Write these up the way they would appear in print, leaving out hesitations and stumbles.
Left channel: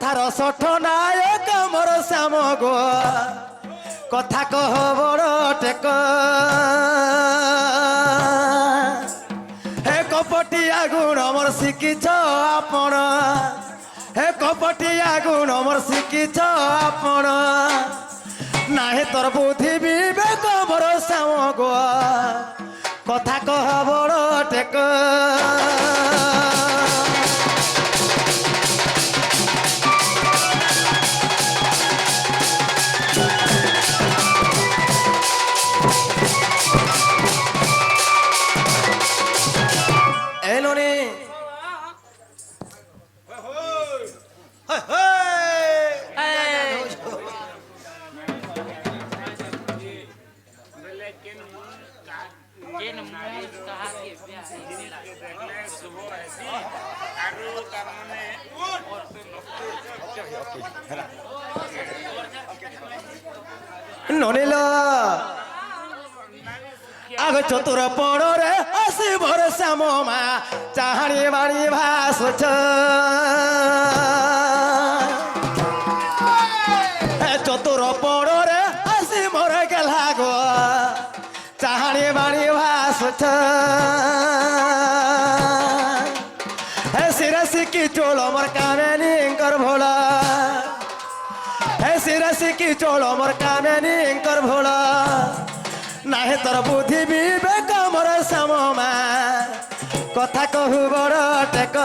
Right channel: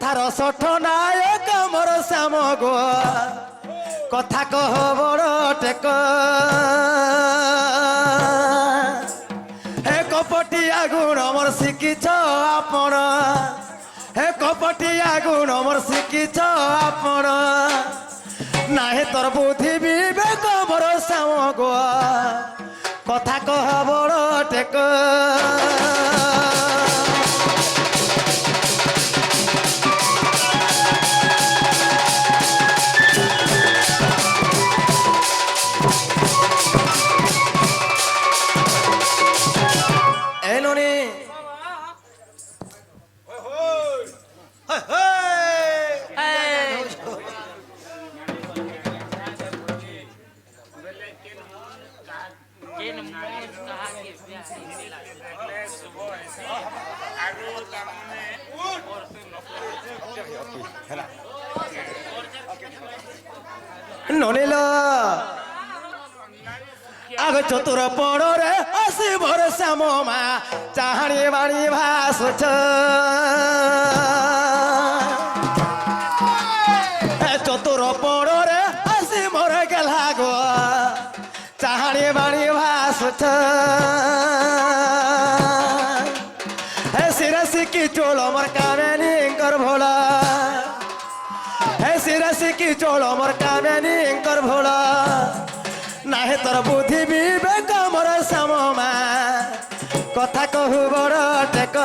কথার সঠ নায়ক মোর শ্যাম গো কথা কহ বড় টেক হে কপটিয়া গুণ মোর শিখিছ আপন হে কপটিয়া গুণ মোর শিখিছ আপন নাহে তোর বুদ্ধি বিবেক মোর শ্যাম গো কথা কহ বড় টেক ননিল আগ চতুর পড়রে আসি ভর শ্যাম মা চাহানি বাড়ি ভাসুছ চতুর পড়রে আসি মোর গেলা গো চাহানি বাড়ি ভাসুছ হে শিরসি কি চোল মোর কামেনি কর ভোলা হে শিরসি কি চোল মোর কামেনি কর ভোলা নাহে তোর বুদ্ধি বিবেক মোর শ্যাম মা কথা কহু বড় টেক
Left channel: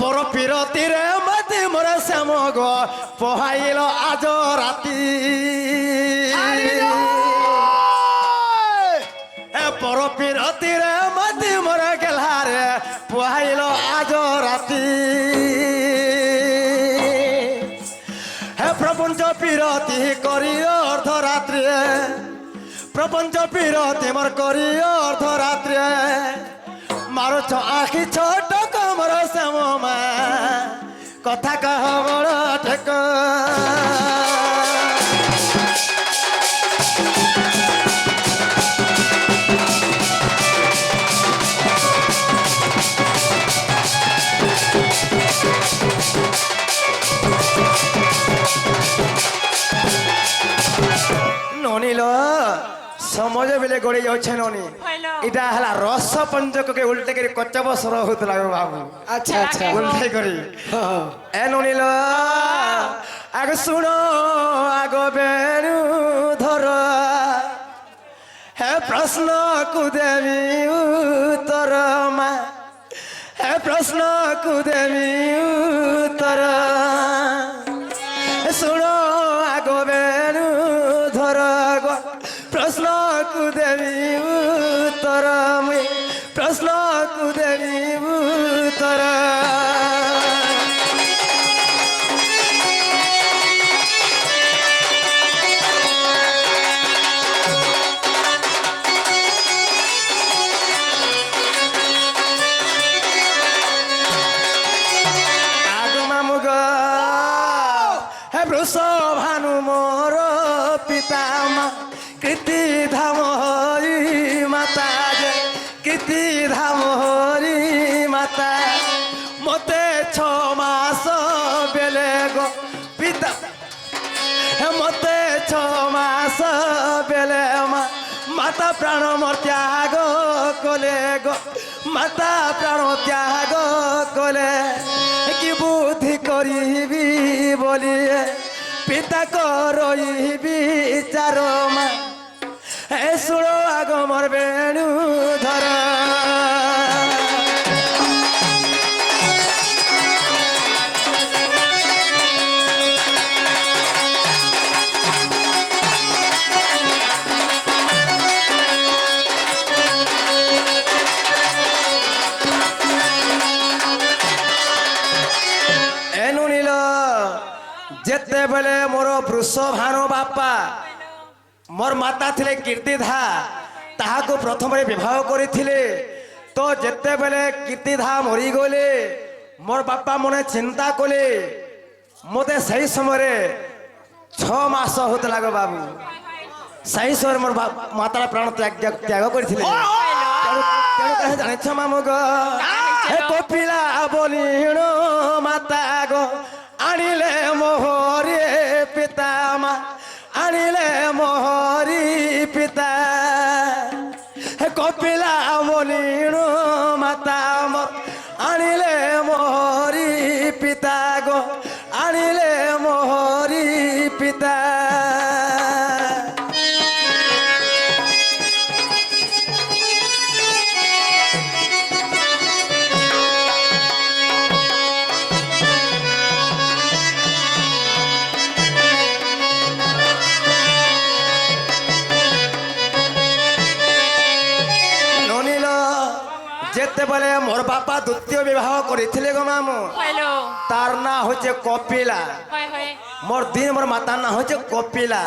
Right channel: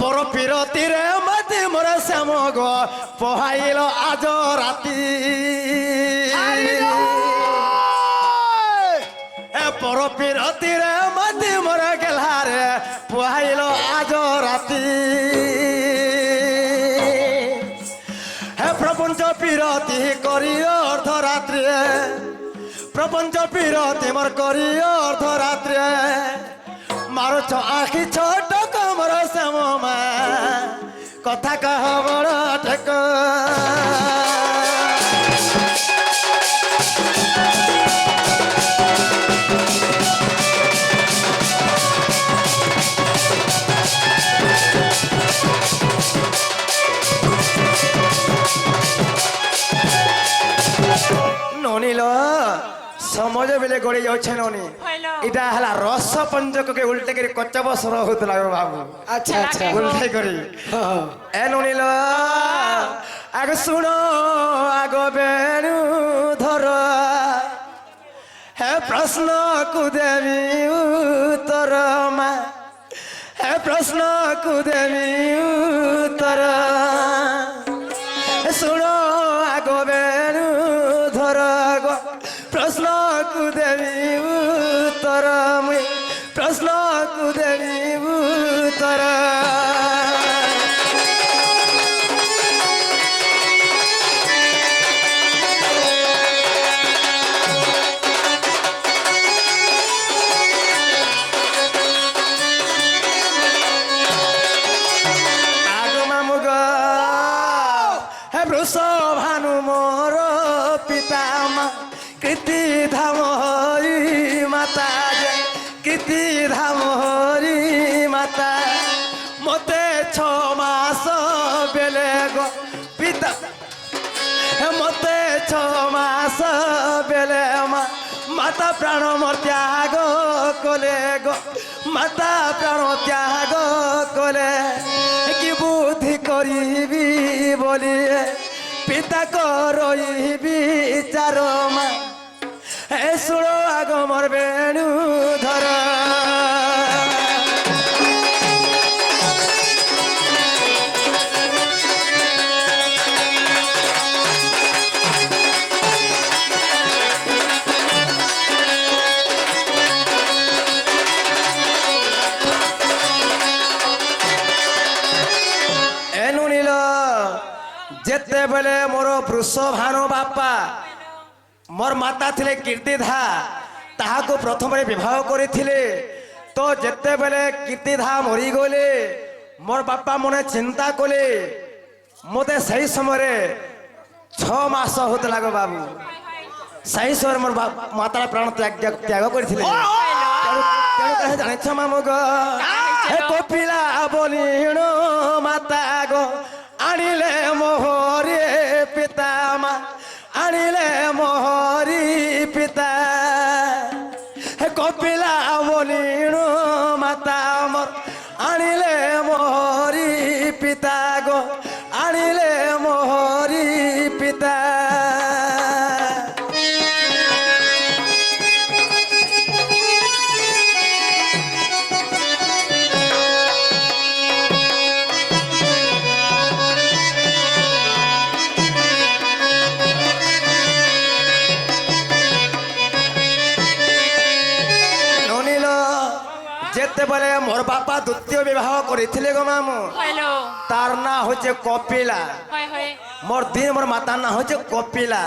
পর পিরতিরে মতি মোর শ্যাম গো পহাইল আজ রাতি পর পিরতিরে মতি মোর গেলারে পহাইল আজ রাতি হে প্রপঞ্চ পিরতি করি অর্ধরাত্রি প্রপঞ্চ পিরতি মোর করি অর্ধরাত্রি মারুছ আখি ছোট কমর শ্যাম মা কথা কহ বড় টেক ননিল समझ बेले गोड़े जाऊे ननी इटा हला रस पंचक के उल्टे करी कच्चब स्वर होतला बाबू अच्छा अच्छा उल्टे करी ए ननिल आग सुनो आग बेणु धर हे प्रश्न को देवी उत्तर मा हे प्रश्न को देवी उत्तर सुनो आग बेणु धर प्रश्न को देवी उत्तर प्रश्न को देवी उत्तर आगमा मुग हे वृष भानु मोर पिता कृति धाम हरि माता जे कृति धाम हरि माता मते 6 मास बेले गो पिता मते 6 मास बेले माता प्राण मोर त्याग कले गो माता प्राण त्याग कले कि बुद्धि करिबी बोली पिता करई विचार मा हे सुनो आग मोर बेणु धर जेते बेले मोर वृष भानु बापा मोर माता थिले कीर्तिधा ତାହାକୁ ପ୍ରଥମରେ ବିବାହ କରିଥିଲେ ତ ଯେତେବେଳେ କୀର୍ତ୍ତିଧା ମରିଗଲେ ମୋର ବାପା ମନେ ଚିନ୍ତା କଲେ ମୋତେ ସେହି ସମୟରେ 6 ମାସ ହଉଥିଲା ଗୋ ବାବୁ ସେହି ସମୟରେ ମୋର ମାତାର ପ୍ରାଣ ତ୍ୟାଗ କରିଥିଲେ ତେଣୁ କାହିଁ ଜାଣିଛ ମାମୁ ଗୋ ହେ କପିଲା ବୋଲିଣ ମାତା ଗୋ ଆଣିଲେ ମୋହରେ ପିତା ମା ଆଣିଲେ ମୋହରି ପିତା ହେ କପିଲା ବୋଲିଣ ମାତା ମୋର ଆଣିଲେ ମୋହରି ପିତା ଗୋ ଆଣିଲେ ମୋହରି ପିତା যেতেবেলে মোর বাপা দ্বিতীয় বিবাহ করেছিলে গো মামু তার না হচ্ছে কপিলা মোর দিন মোর মাতার না হচ্ছে কপিলা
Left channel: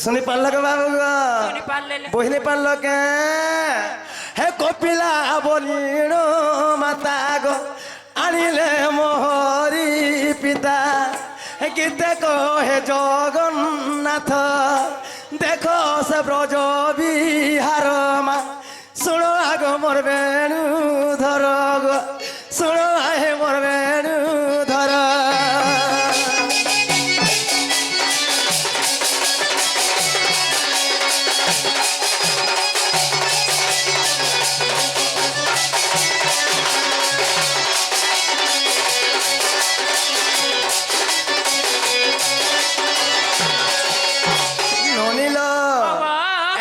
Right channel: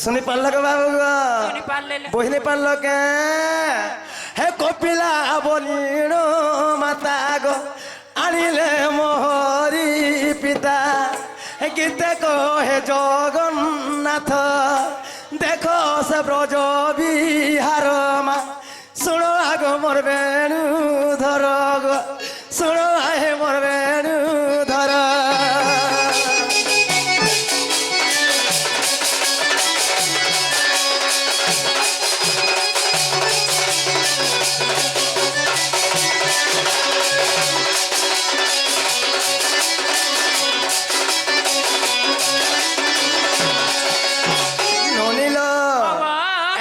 শুনি পারল গো বাবু গো বহিনি পারল কে হে কপিলা বলিণ মাতা গো আনিলে মোহরি পিতা গীতে কহে জগন্নাথ দেখো সে ব্রজ বিহার মা শুনো আগ মোর বেণু ধর গো শুনো আহে মোর বেণু ধর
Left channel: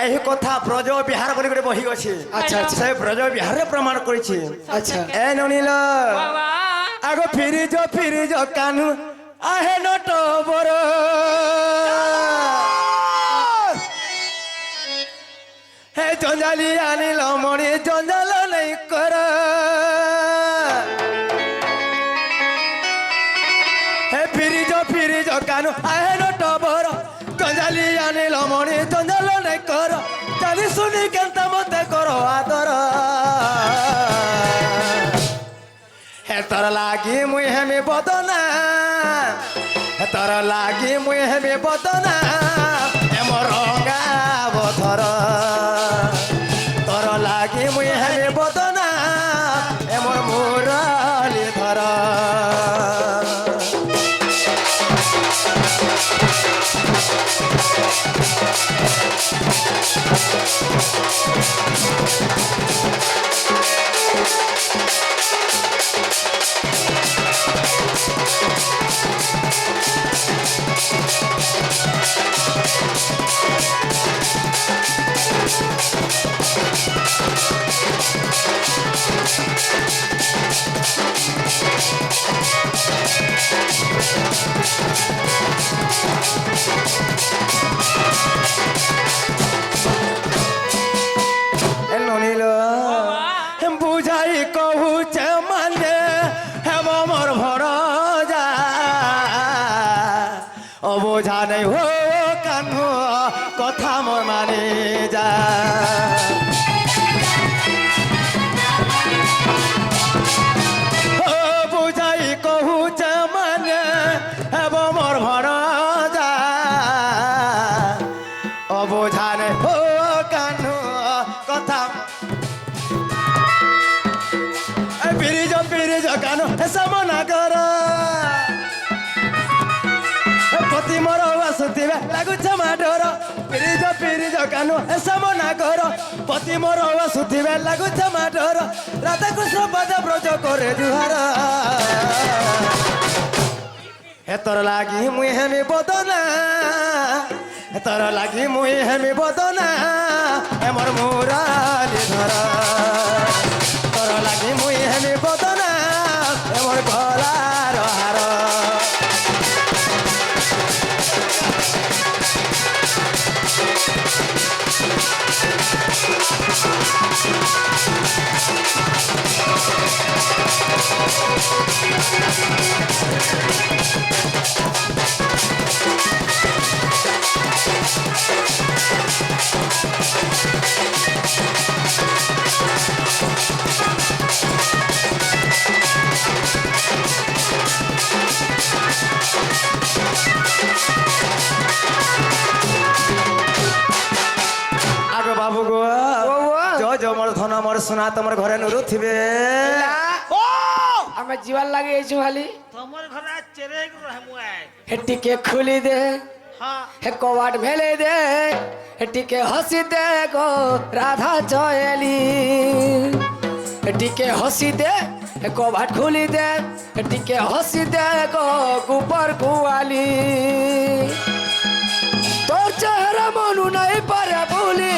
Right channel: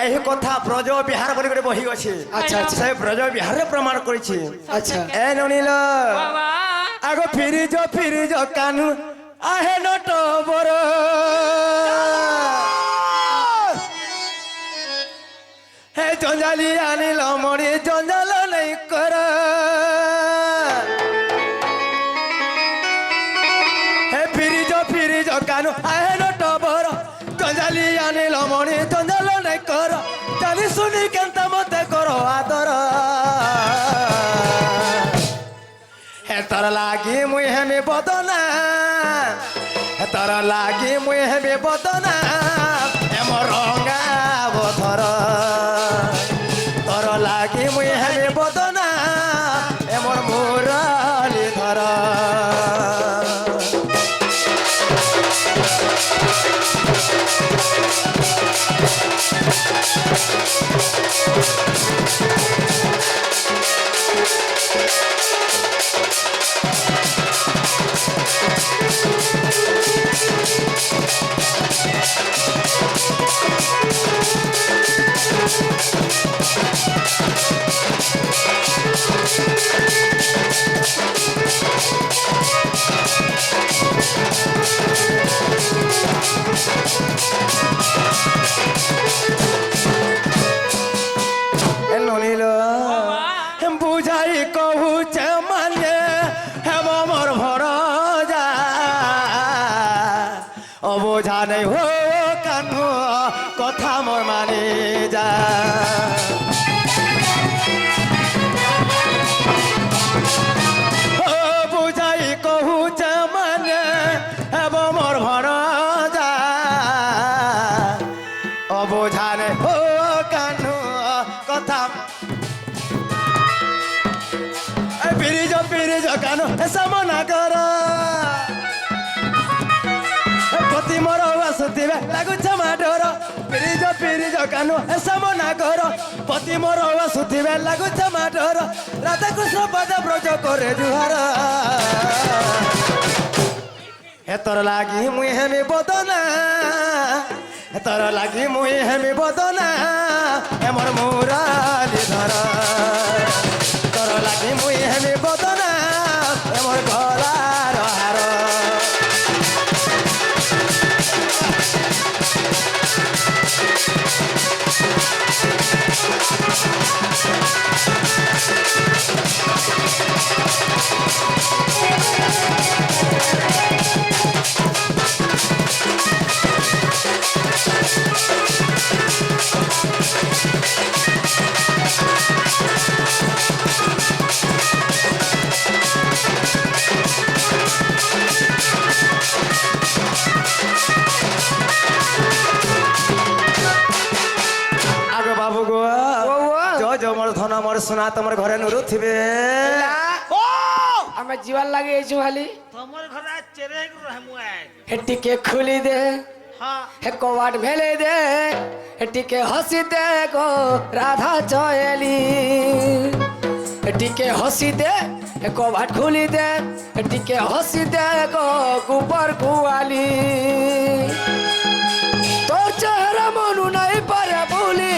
এই কথা ব্রজ বিহার বলি করে বহি আছে আচ্ছা আচ্ছা সেই ব্রজ বিহারে প্রমাণ করেছি আচ্ছা এ ননিল আগ ফিরিজ কানু আহে নট বর হে জঞ্জালি আনিল মণি জঞ্জাল নাই কর হে ফিরিজ কানু আহে নট বর জঞ্জালি আনিল মণি জঞ্জাল নাই কর জানি শুনি কেনতা মতে কর আদর হে তোর লাগি মুই হেমি বদনা হে তোর লাগি মুই হেমি বদনা এমর রঙা বধর তোর লাগি মুই হেমি বদনা এমর মুরালি ধর বুঝাই কহুছে মানে হেম মোর ভর যা অবোঝা নেই হো কানু কথা মোর মানে যা বুঝাই কহুছে মানে হেম মোর ভর যা অবোঝা নেই হো কানু কথা ফিরিজ কানু সামনা কর পতি মোর আসুথিবে লাগুছে মাডর ফিরিজ কানু সামনা কর পতি মোর আসুথিবে লাগুছে মাডর রাধা কৃষ্ণ পদ ব্রজ করে জুহার হে তোর লাগি মুই হেমি বদনা হে তোর লাগি মুই হেমি বদনা এমর মুরালি ধর তোর লাগি মুই হেমি বদনা এমর গলার হার বাবু গো জয় জয় মোর ধন মোর সোনা তোমার ঘরে নুরু থিবে ও আমি জীবন লাগে এইছু খালি তোমার ঘরে চেরে রহমুয়াই হে টিকে খুলি দে হ্যাঁ হে কবাট ভেলে দে হে টিকে হসি দে গো রাধা চয়েলি হে টিকে হসি দে হে কবাট খুলি দে হে টিকে হসি দে গো গোবর গুয়ালি তোর চেহারা মনু নাই পারে ভুলি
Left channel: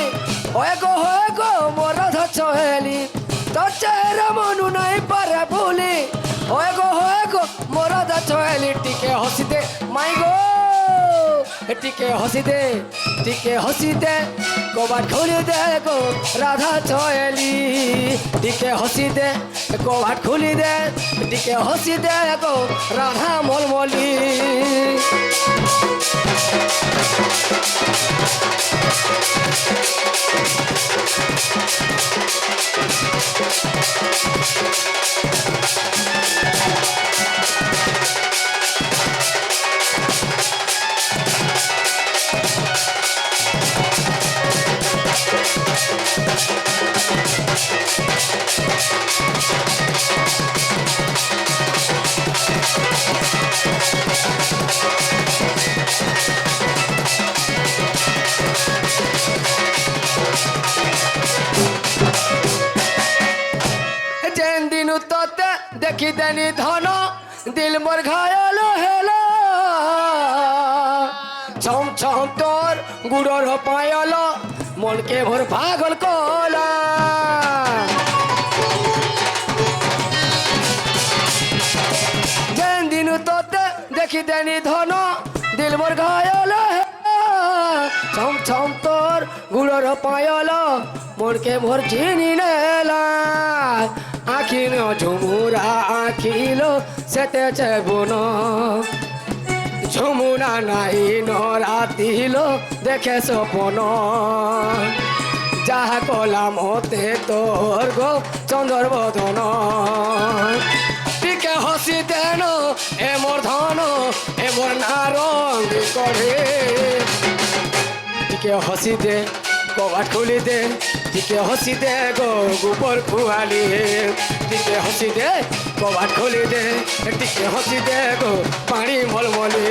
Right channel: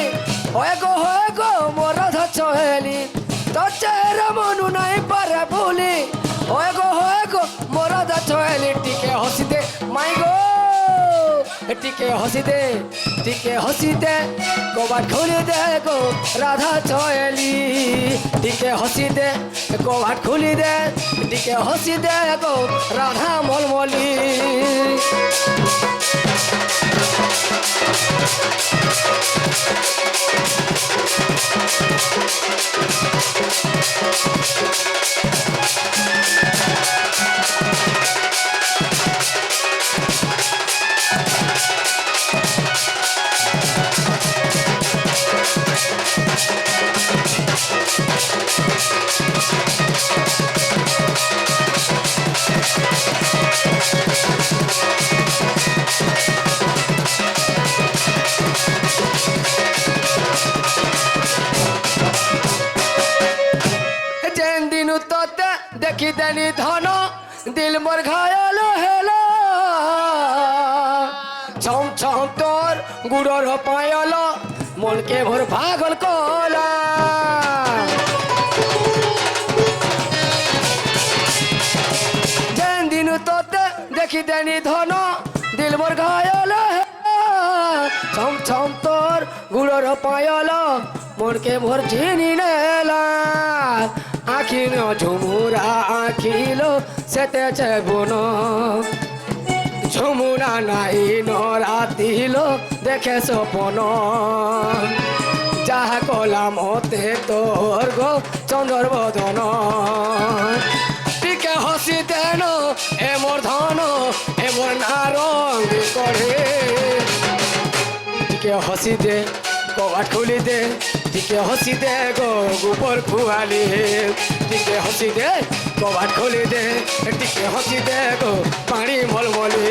হয় গো মোর রাধা চয়েলি তোর চেহারা মনু নাই পারে ভুলি হয় গো মোর রাধা চয়েলি টিকে হসি দে মাই গো টিকে হসি দে কবাট খুলি দে গো রাধা চয়েলি টিকে হসি দে কবাট খুলি দে টিকে হসি দে গো রাধা মলমলি যেন দিন তোতে দেখি দেনি ধন দিল মোর ঘায়াল হেলা ছম ছম তোর গুড়র পায়ল মনকে ভোর পাগল কলা যেন দিন তোতে দেখি দেনি ধন দিল মোর ঘায়াল ছম ছম তোর গুড়র পায়ল মনকে ভোর চিনি নেলা আখিল ঝুমুরা আখিল সেতেছে বুন ঝুমুরা নাই নরাতিল দেখে সপন যাহা কলাম হতে তোর গো চন্দ্র বদন টিকে হসি দেন এ মোর ধন এ মোর নারঙ্গ করে টিকে হসি দে কবাট খুলি দে টিকে হসি দে গো গোবর কুয়ালি টিকে হসি দে কবাট খুলি দে টিকে হসি দে গো পানি মলমলি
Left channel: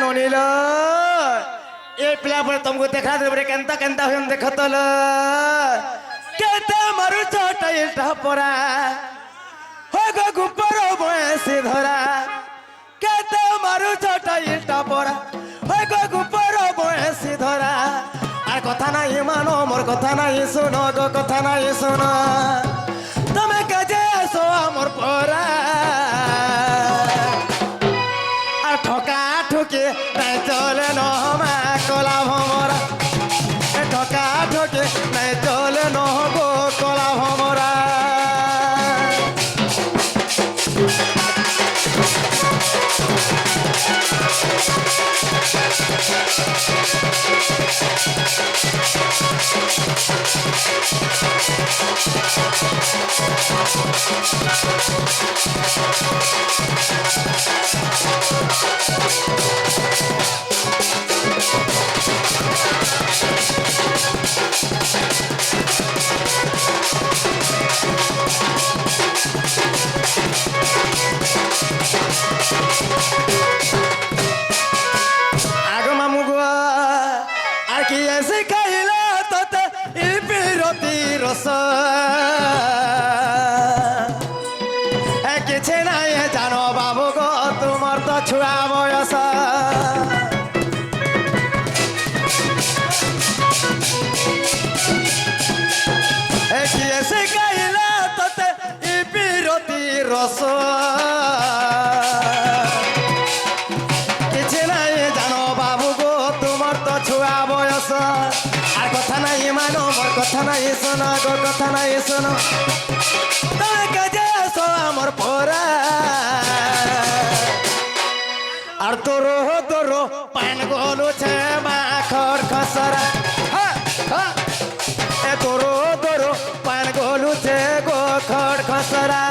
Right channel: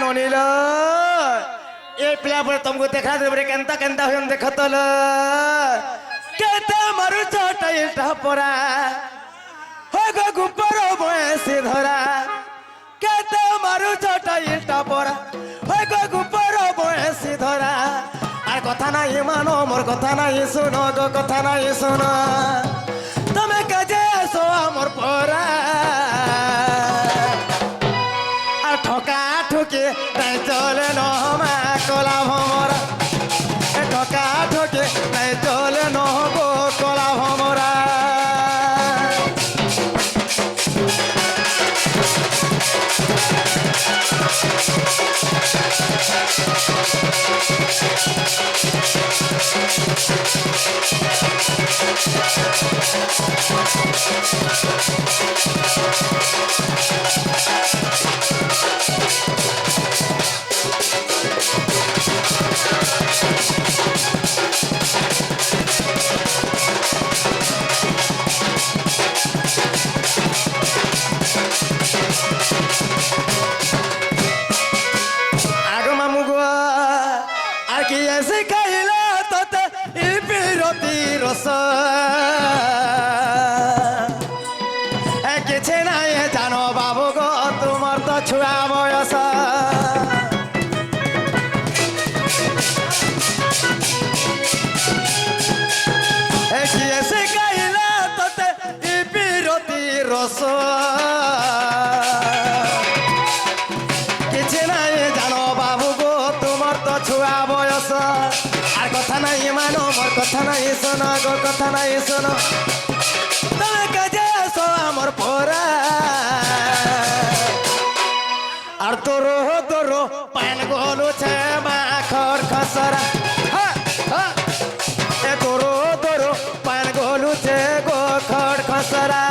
ননিল এ পিলা পরে তুমको देखा देबरे केनता केनता होम देखतल केते मारु छोटा इल्टा परा हो गो गुपर बयसी धरा केते मारु छोटा इल्टा परा हो गो गुपर बयसी धरा আর কথা নাই মানো মোর কথা নাই শুনো গো কথা নাই শুনো তুমি কাজে আসো আমার পরা আর ঠকা ঠকে নাই চলে নহমা কলা ভমরা ঠকা ঠকে নাই চলে নহগো কলা ভমরা আগো মামু গো আর কি এসে খাইলা তোতে ই বিরতি রস কিছু নাই জানো বাবু গো তোমার তো ছুয়া বয়স কি এসে খাইলা তোতে ই বিরতি রস কিছু নাই জানো বাবু গো তোমার তো ছুয়া বয়স আর কথা নাই মানো মোর কথা নাই শোনো গো কথা নাই শোনো তুমি কাজে আসো আমার পরা আর তোরো তোরো পান গলুছে মাখর খসরা হ্যাঁ হ্যাঁ এ তোরো তোরো পান গলুছে গো খড় খসরা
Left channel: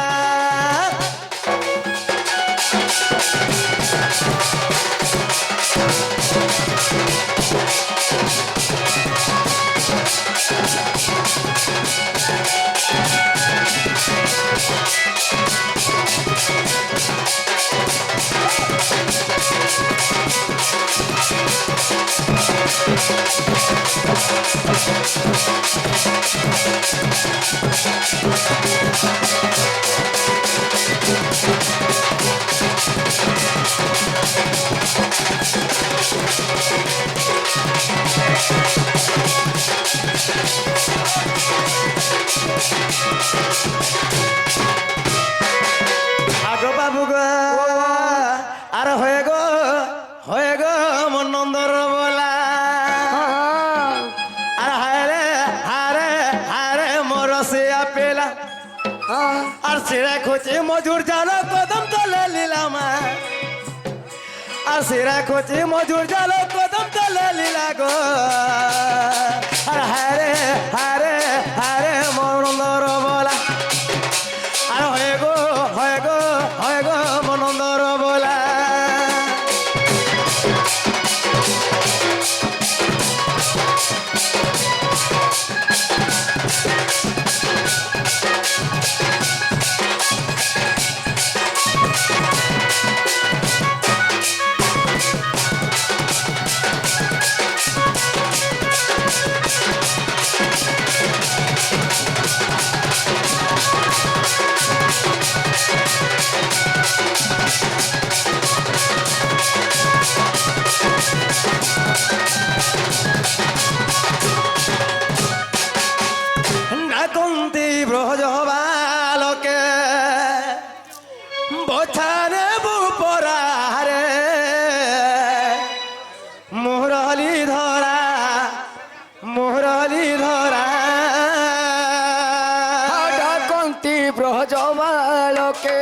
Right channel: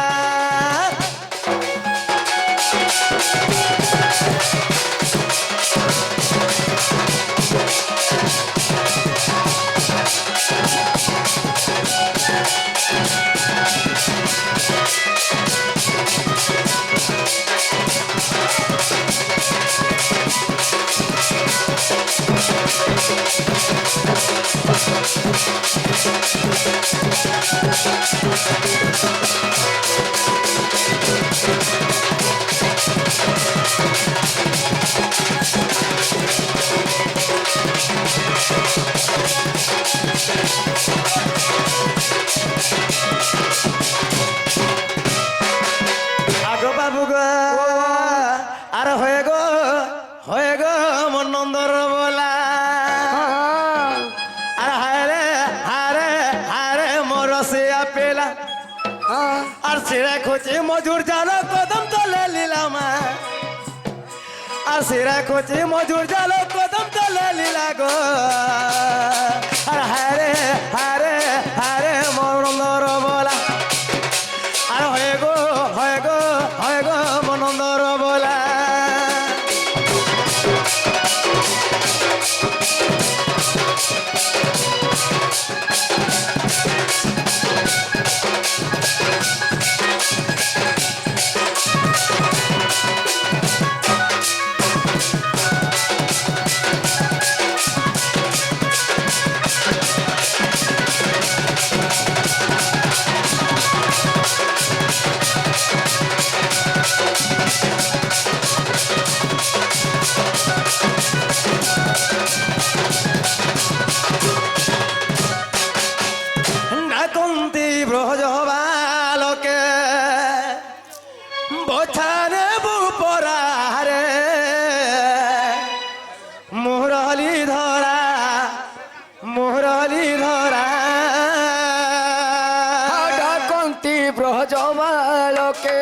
আগো বাবু গো আর হয়ে গো মন নন্দর বলা আর হারে হারে হারে মরসিয়া পেলা আর সিরা খুঁজি মজুর জালো কদম তলে লিলাম আর সিরা খুঁজি মজুর জালো কদম তলে লীলা গো আর হারে হারে হারে মন নন্দর বলা আর হয়ে গো মনন্দর বলা না কুন্তি ব্রজ বালকে বছানে বুপরারে মুরলি ধরা ডাকন্তি ব্রজবালকে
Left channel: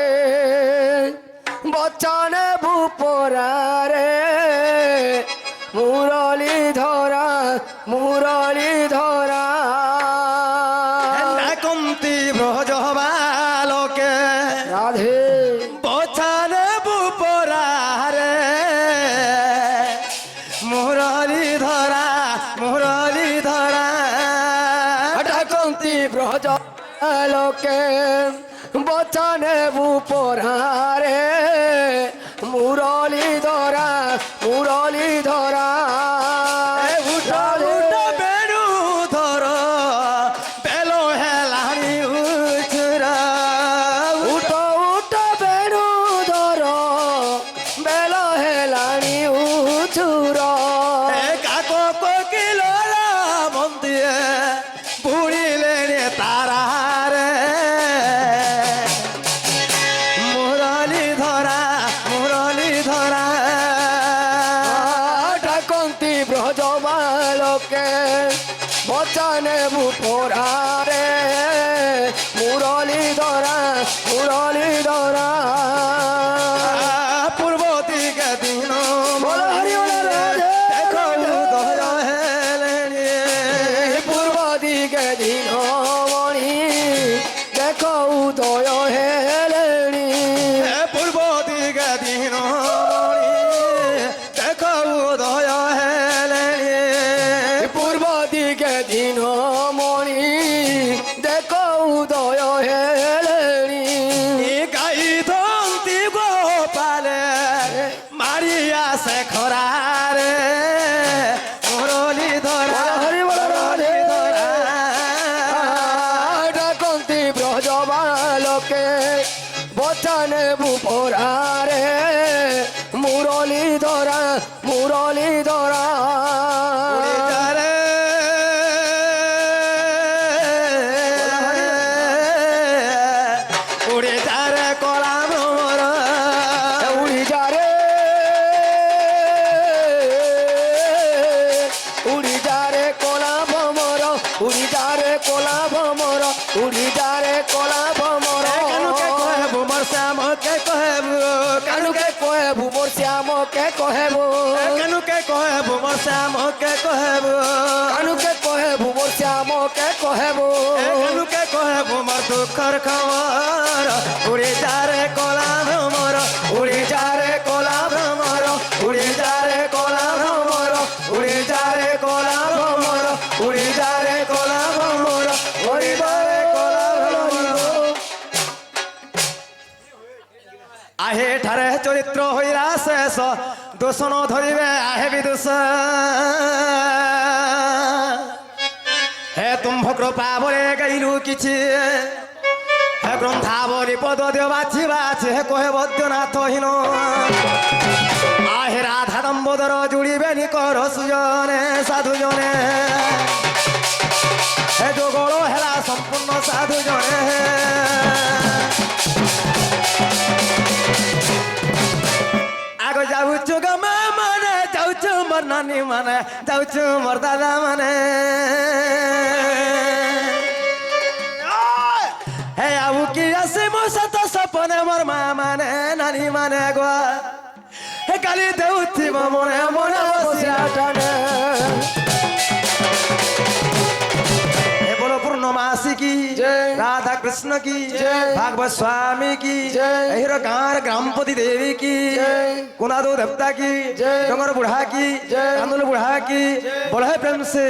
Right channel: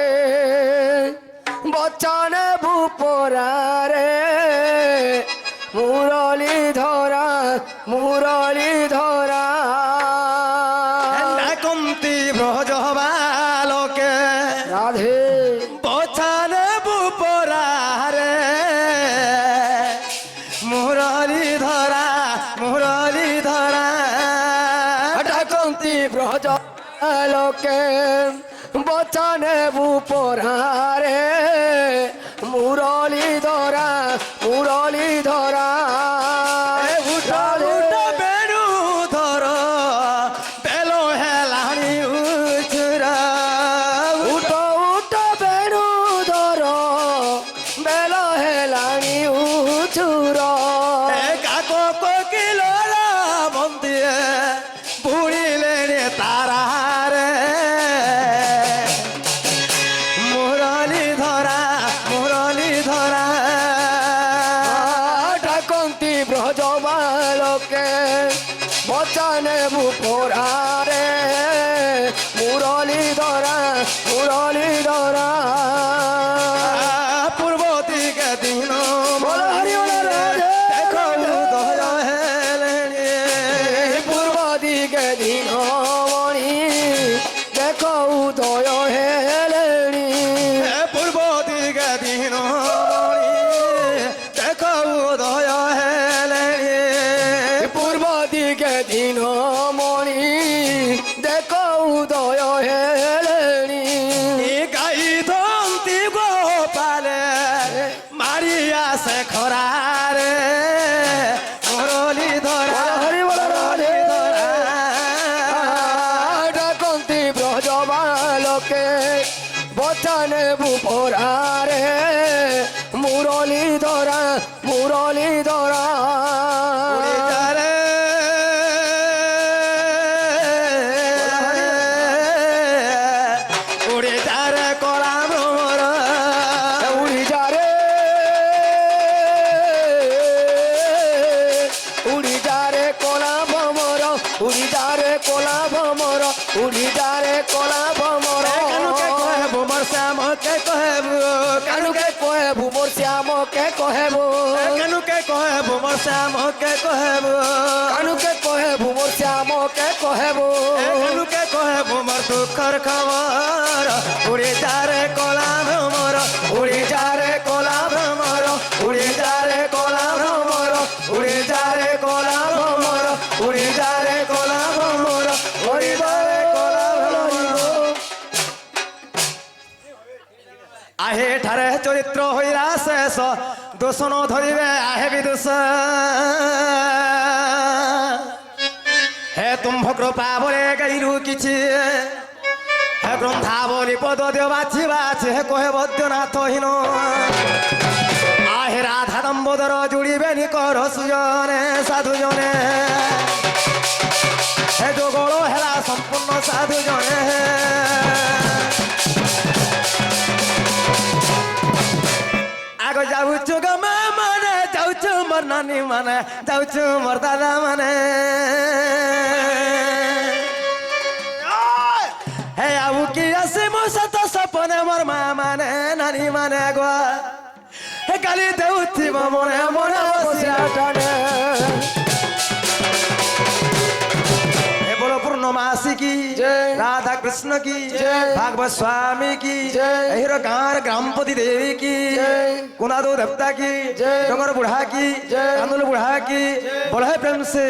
বচনে ভূপরারে মুরলি ধরা না কুন্তি ব্রজ বালকে রাধে বছানে বুপরারে মুরলি ধরা ডাকন্তি ব্রজবালকে বচনে ভূপরারে মুরলি ধরা উঠা উঠা বেড়ু ধর বেলো হেলানি উচরা উঠো উঠো বেণু ধর বেল হেলানি উচুর কাকো কোকিল মন্দিরে বুড়িলে তারারে মুরলি ধরা ডাকন্তি ব্রজবালকে বচনে ভূপরারে মুরলি ধরা পূর্ব দিকে দিন বল হরি বল রাধে দেখো উদয় হেলেনি পূর্ব দিকে দিন মণি দেখো উদয় হেলেনি পূর্ব দিকে দিন দেখো উদয় হেলেনি পূর্ব দিকে দিন মণি দেখো উদয় হেলেনি গাই ধন্তি গোপালে মারিয়া সে খরারে মুরলি ধরা হরি বল রাধে ডাকন্তি ব্রজবালকে বচনে ভূপরারে মুরলি ধরা উড়িদারে উড়িদারে কলা ভ্রমর উড়ি যা রে কলা উড়ি যা রে কলা ভমর উড়ি যা রে কলা ভমর কানুকে কহেবু মোর শ্যামকে কহেবু কানুকে কহেবু মোর শ্যামকে কহেবু কানুকে কহেবু মোর শ্যামকে কহেবু কানুকে কহেবু মোর শ্যামকে কহেবু কানুকে কহেবু মোর দুঃখর খবর উড়ি যা রে কলা ভ্রমর উড়ি যা রে কলা ভ্রমর উড়ি যা রে কলা ভ্রমর উড়ি যা রে কলা ভ্রমর উড়ি যা রে কলা ভ্রমর উড়ি যা রে কলা ভ্রমর আহে ঠারে চরিত্র হইরা শেষ দূষণ ধরিবে আহে বিদুষ হে তুম্ভ কৃপা বলে গাইলু কিছু হে গ্রন্থাবলী পদ দেও বাছি বাছি হে কহে বৈদ্যনাথহীন আহে রাধা দম্বোদর জুড়িবে নিকর সুজনে সাধুজনে হে যোগল হেলা সম্পূর্ণ সাধুজনে আগ যাউଛୁ গমা মানে যাউଛୁ মোর নানি মানে যাউଛୁ মোর দাদা মানে হে আবু কি আছে মো সত সপনে মোর মা মানে নানি মানে গো হে কালি দেউথিব মনে মনে বসিয়া টানে হে বলো পূর্ণমাসী কি জয়। রাধা কৃষ্ণ কি জয়। ভাগবত স্বামী কি জয়। এহির গাঁর গ্রামপতি দেবী কি জয়। कुनादो देवता की जय। डोंगर बुढ़ा की जय। कांदुल बुढ़ा की बोला है प्रेम से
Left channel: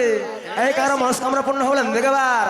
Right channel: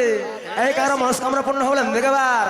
ऐ कार मनोस्कामना पूर्ण हो लंबे के बार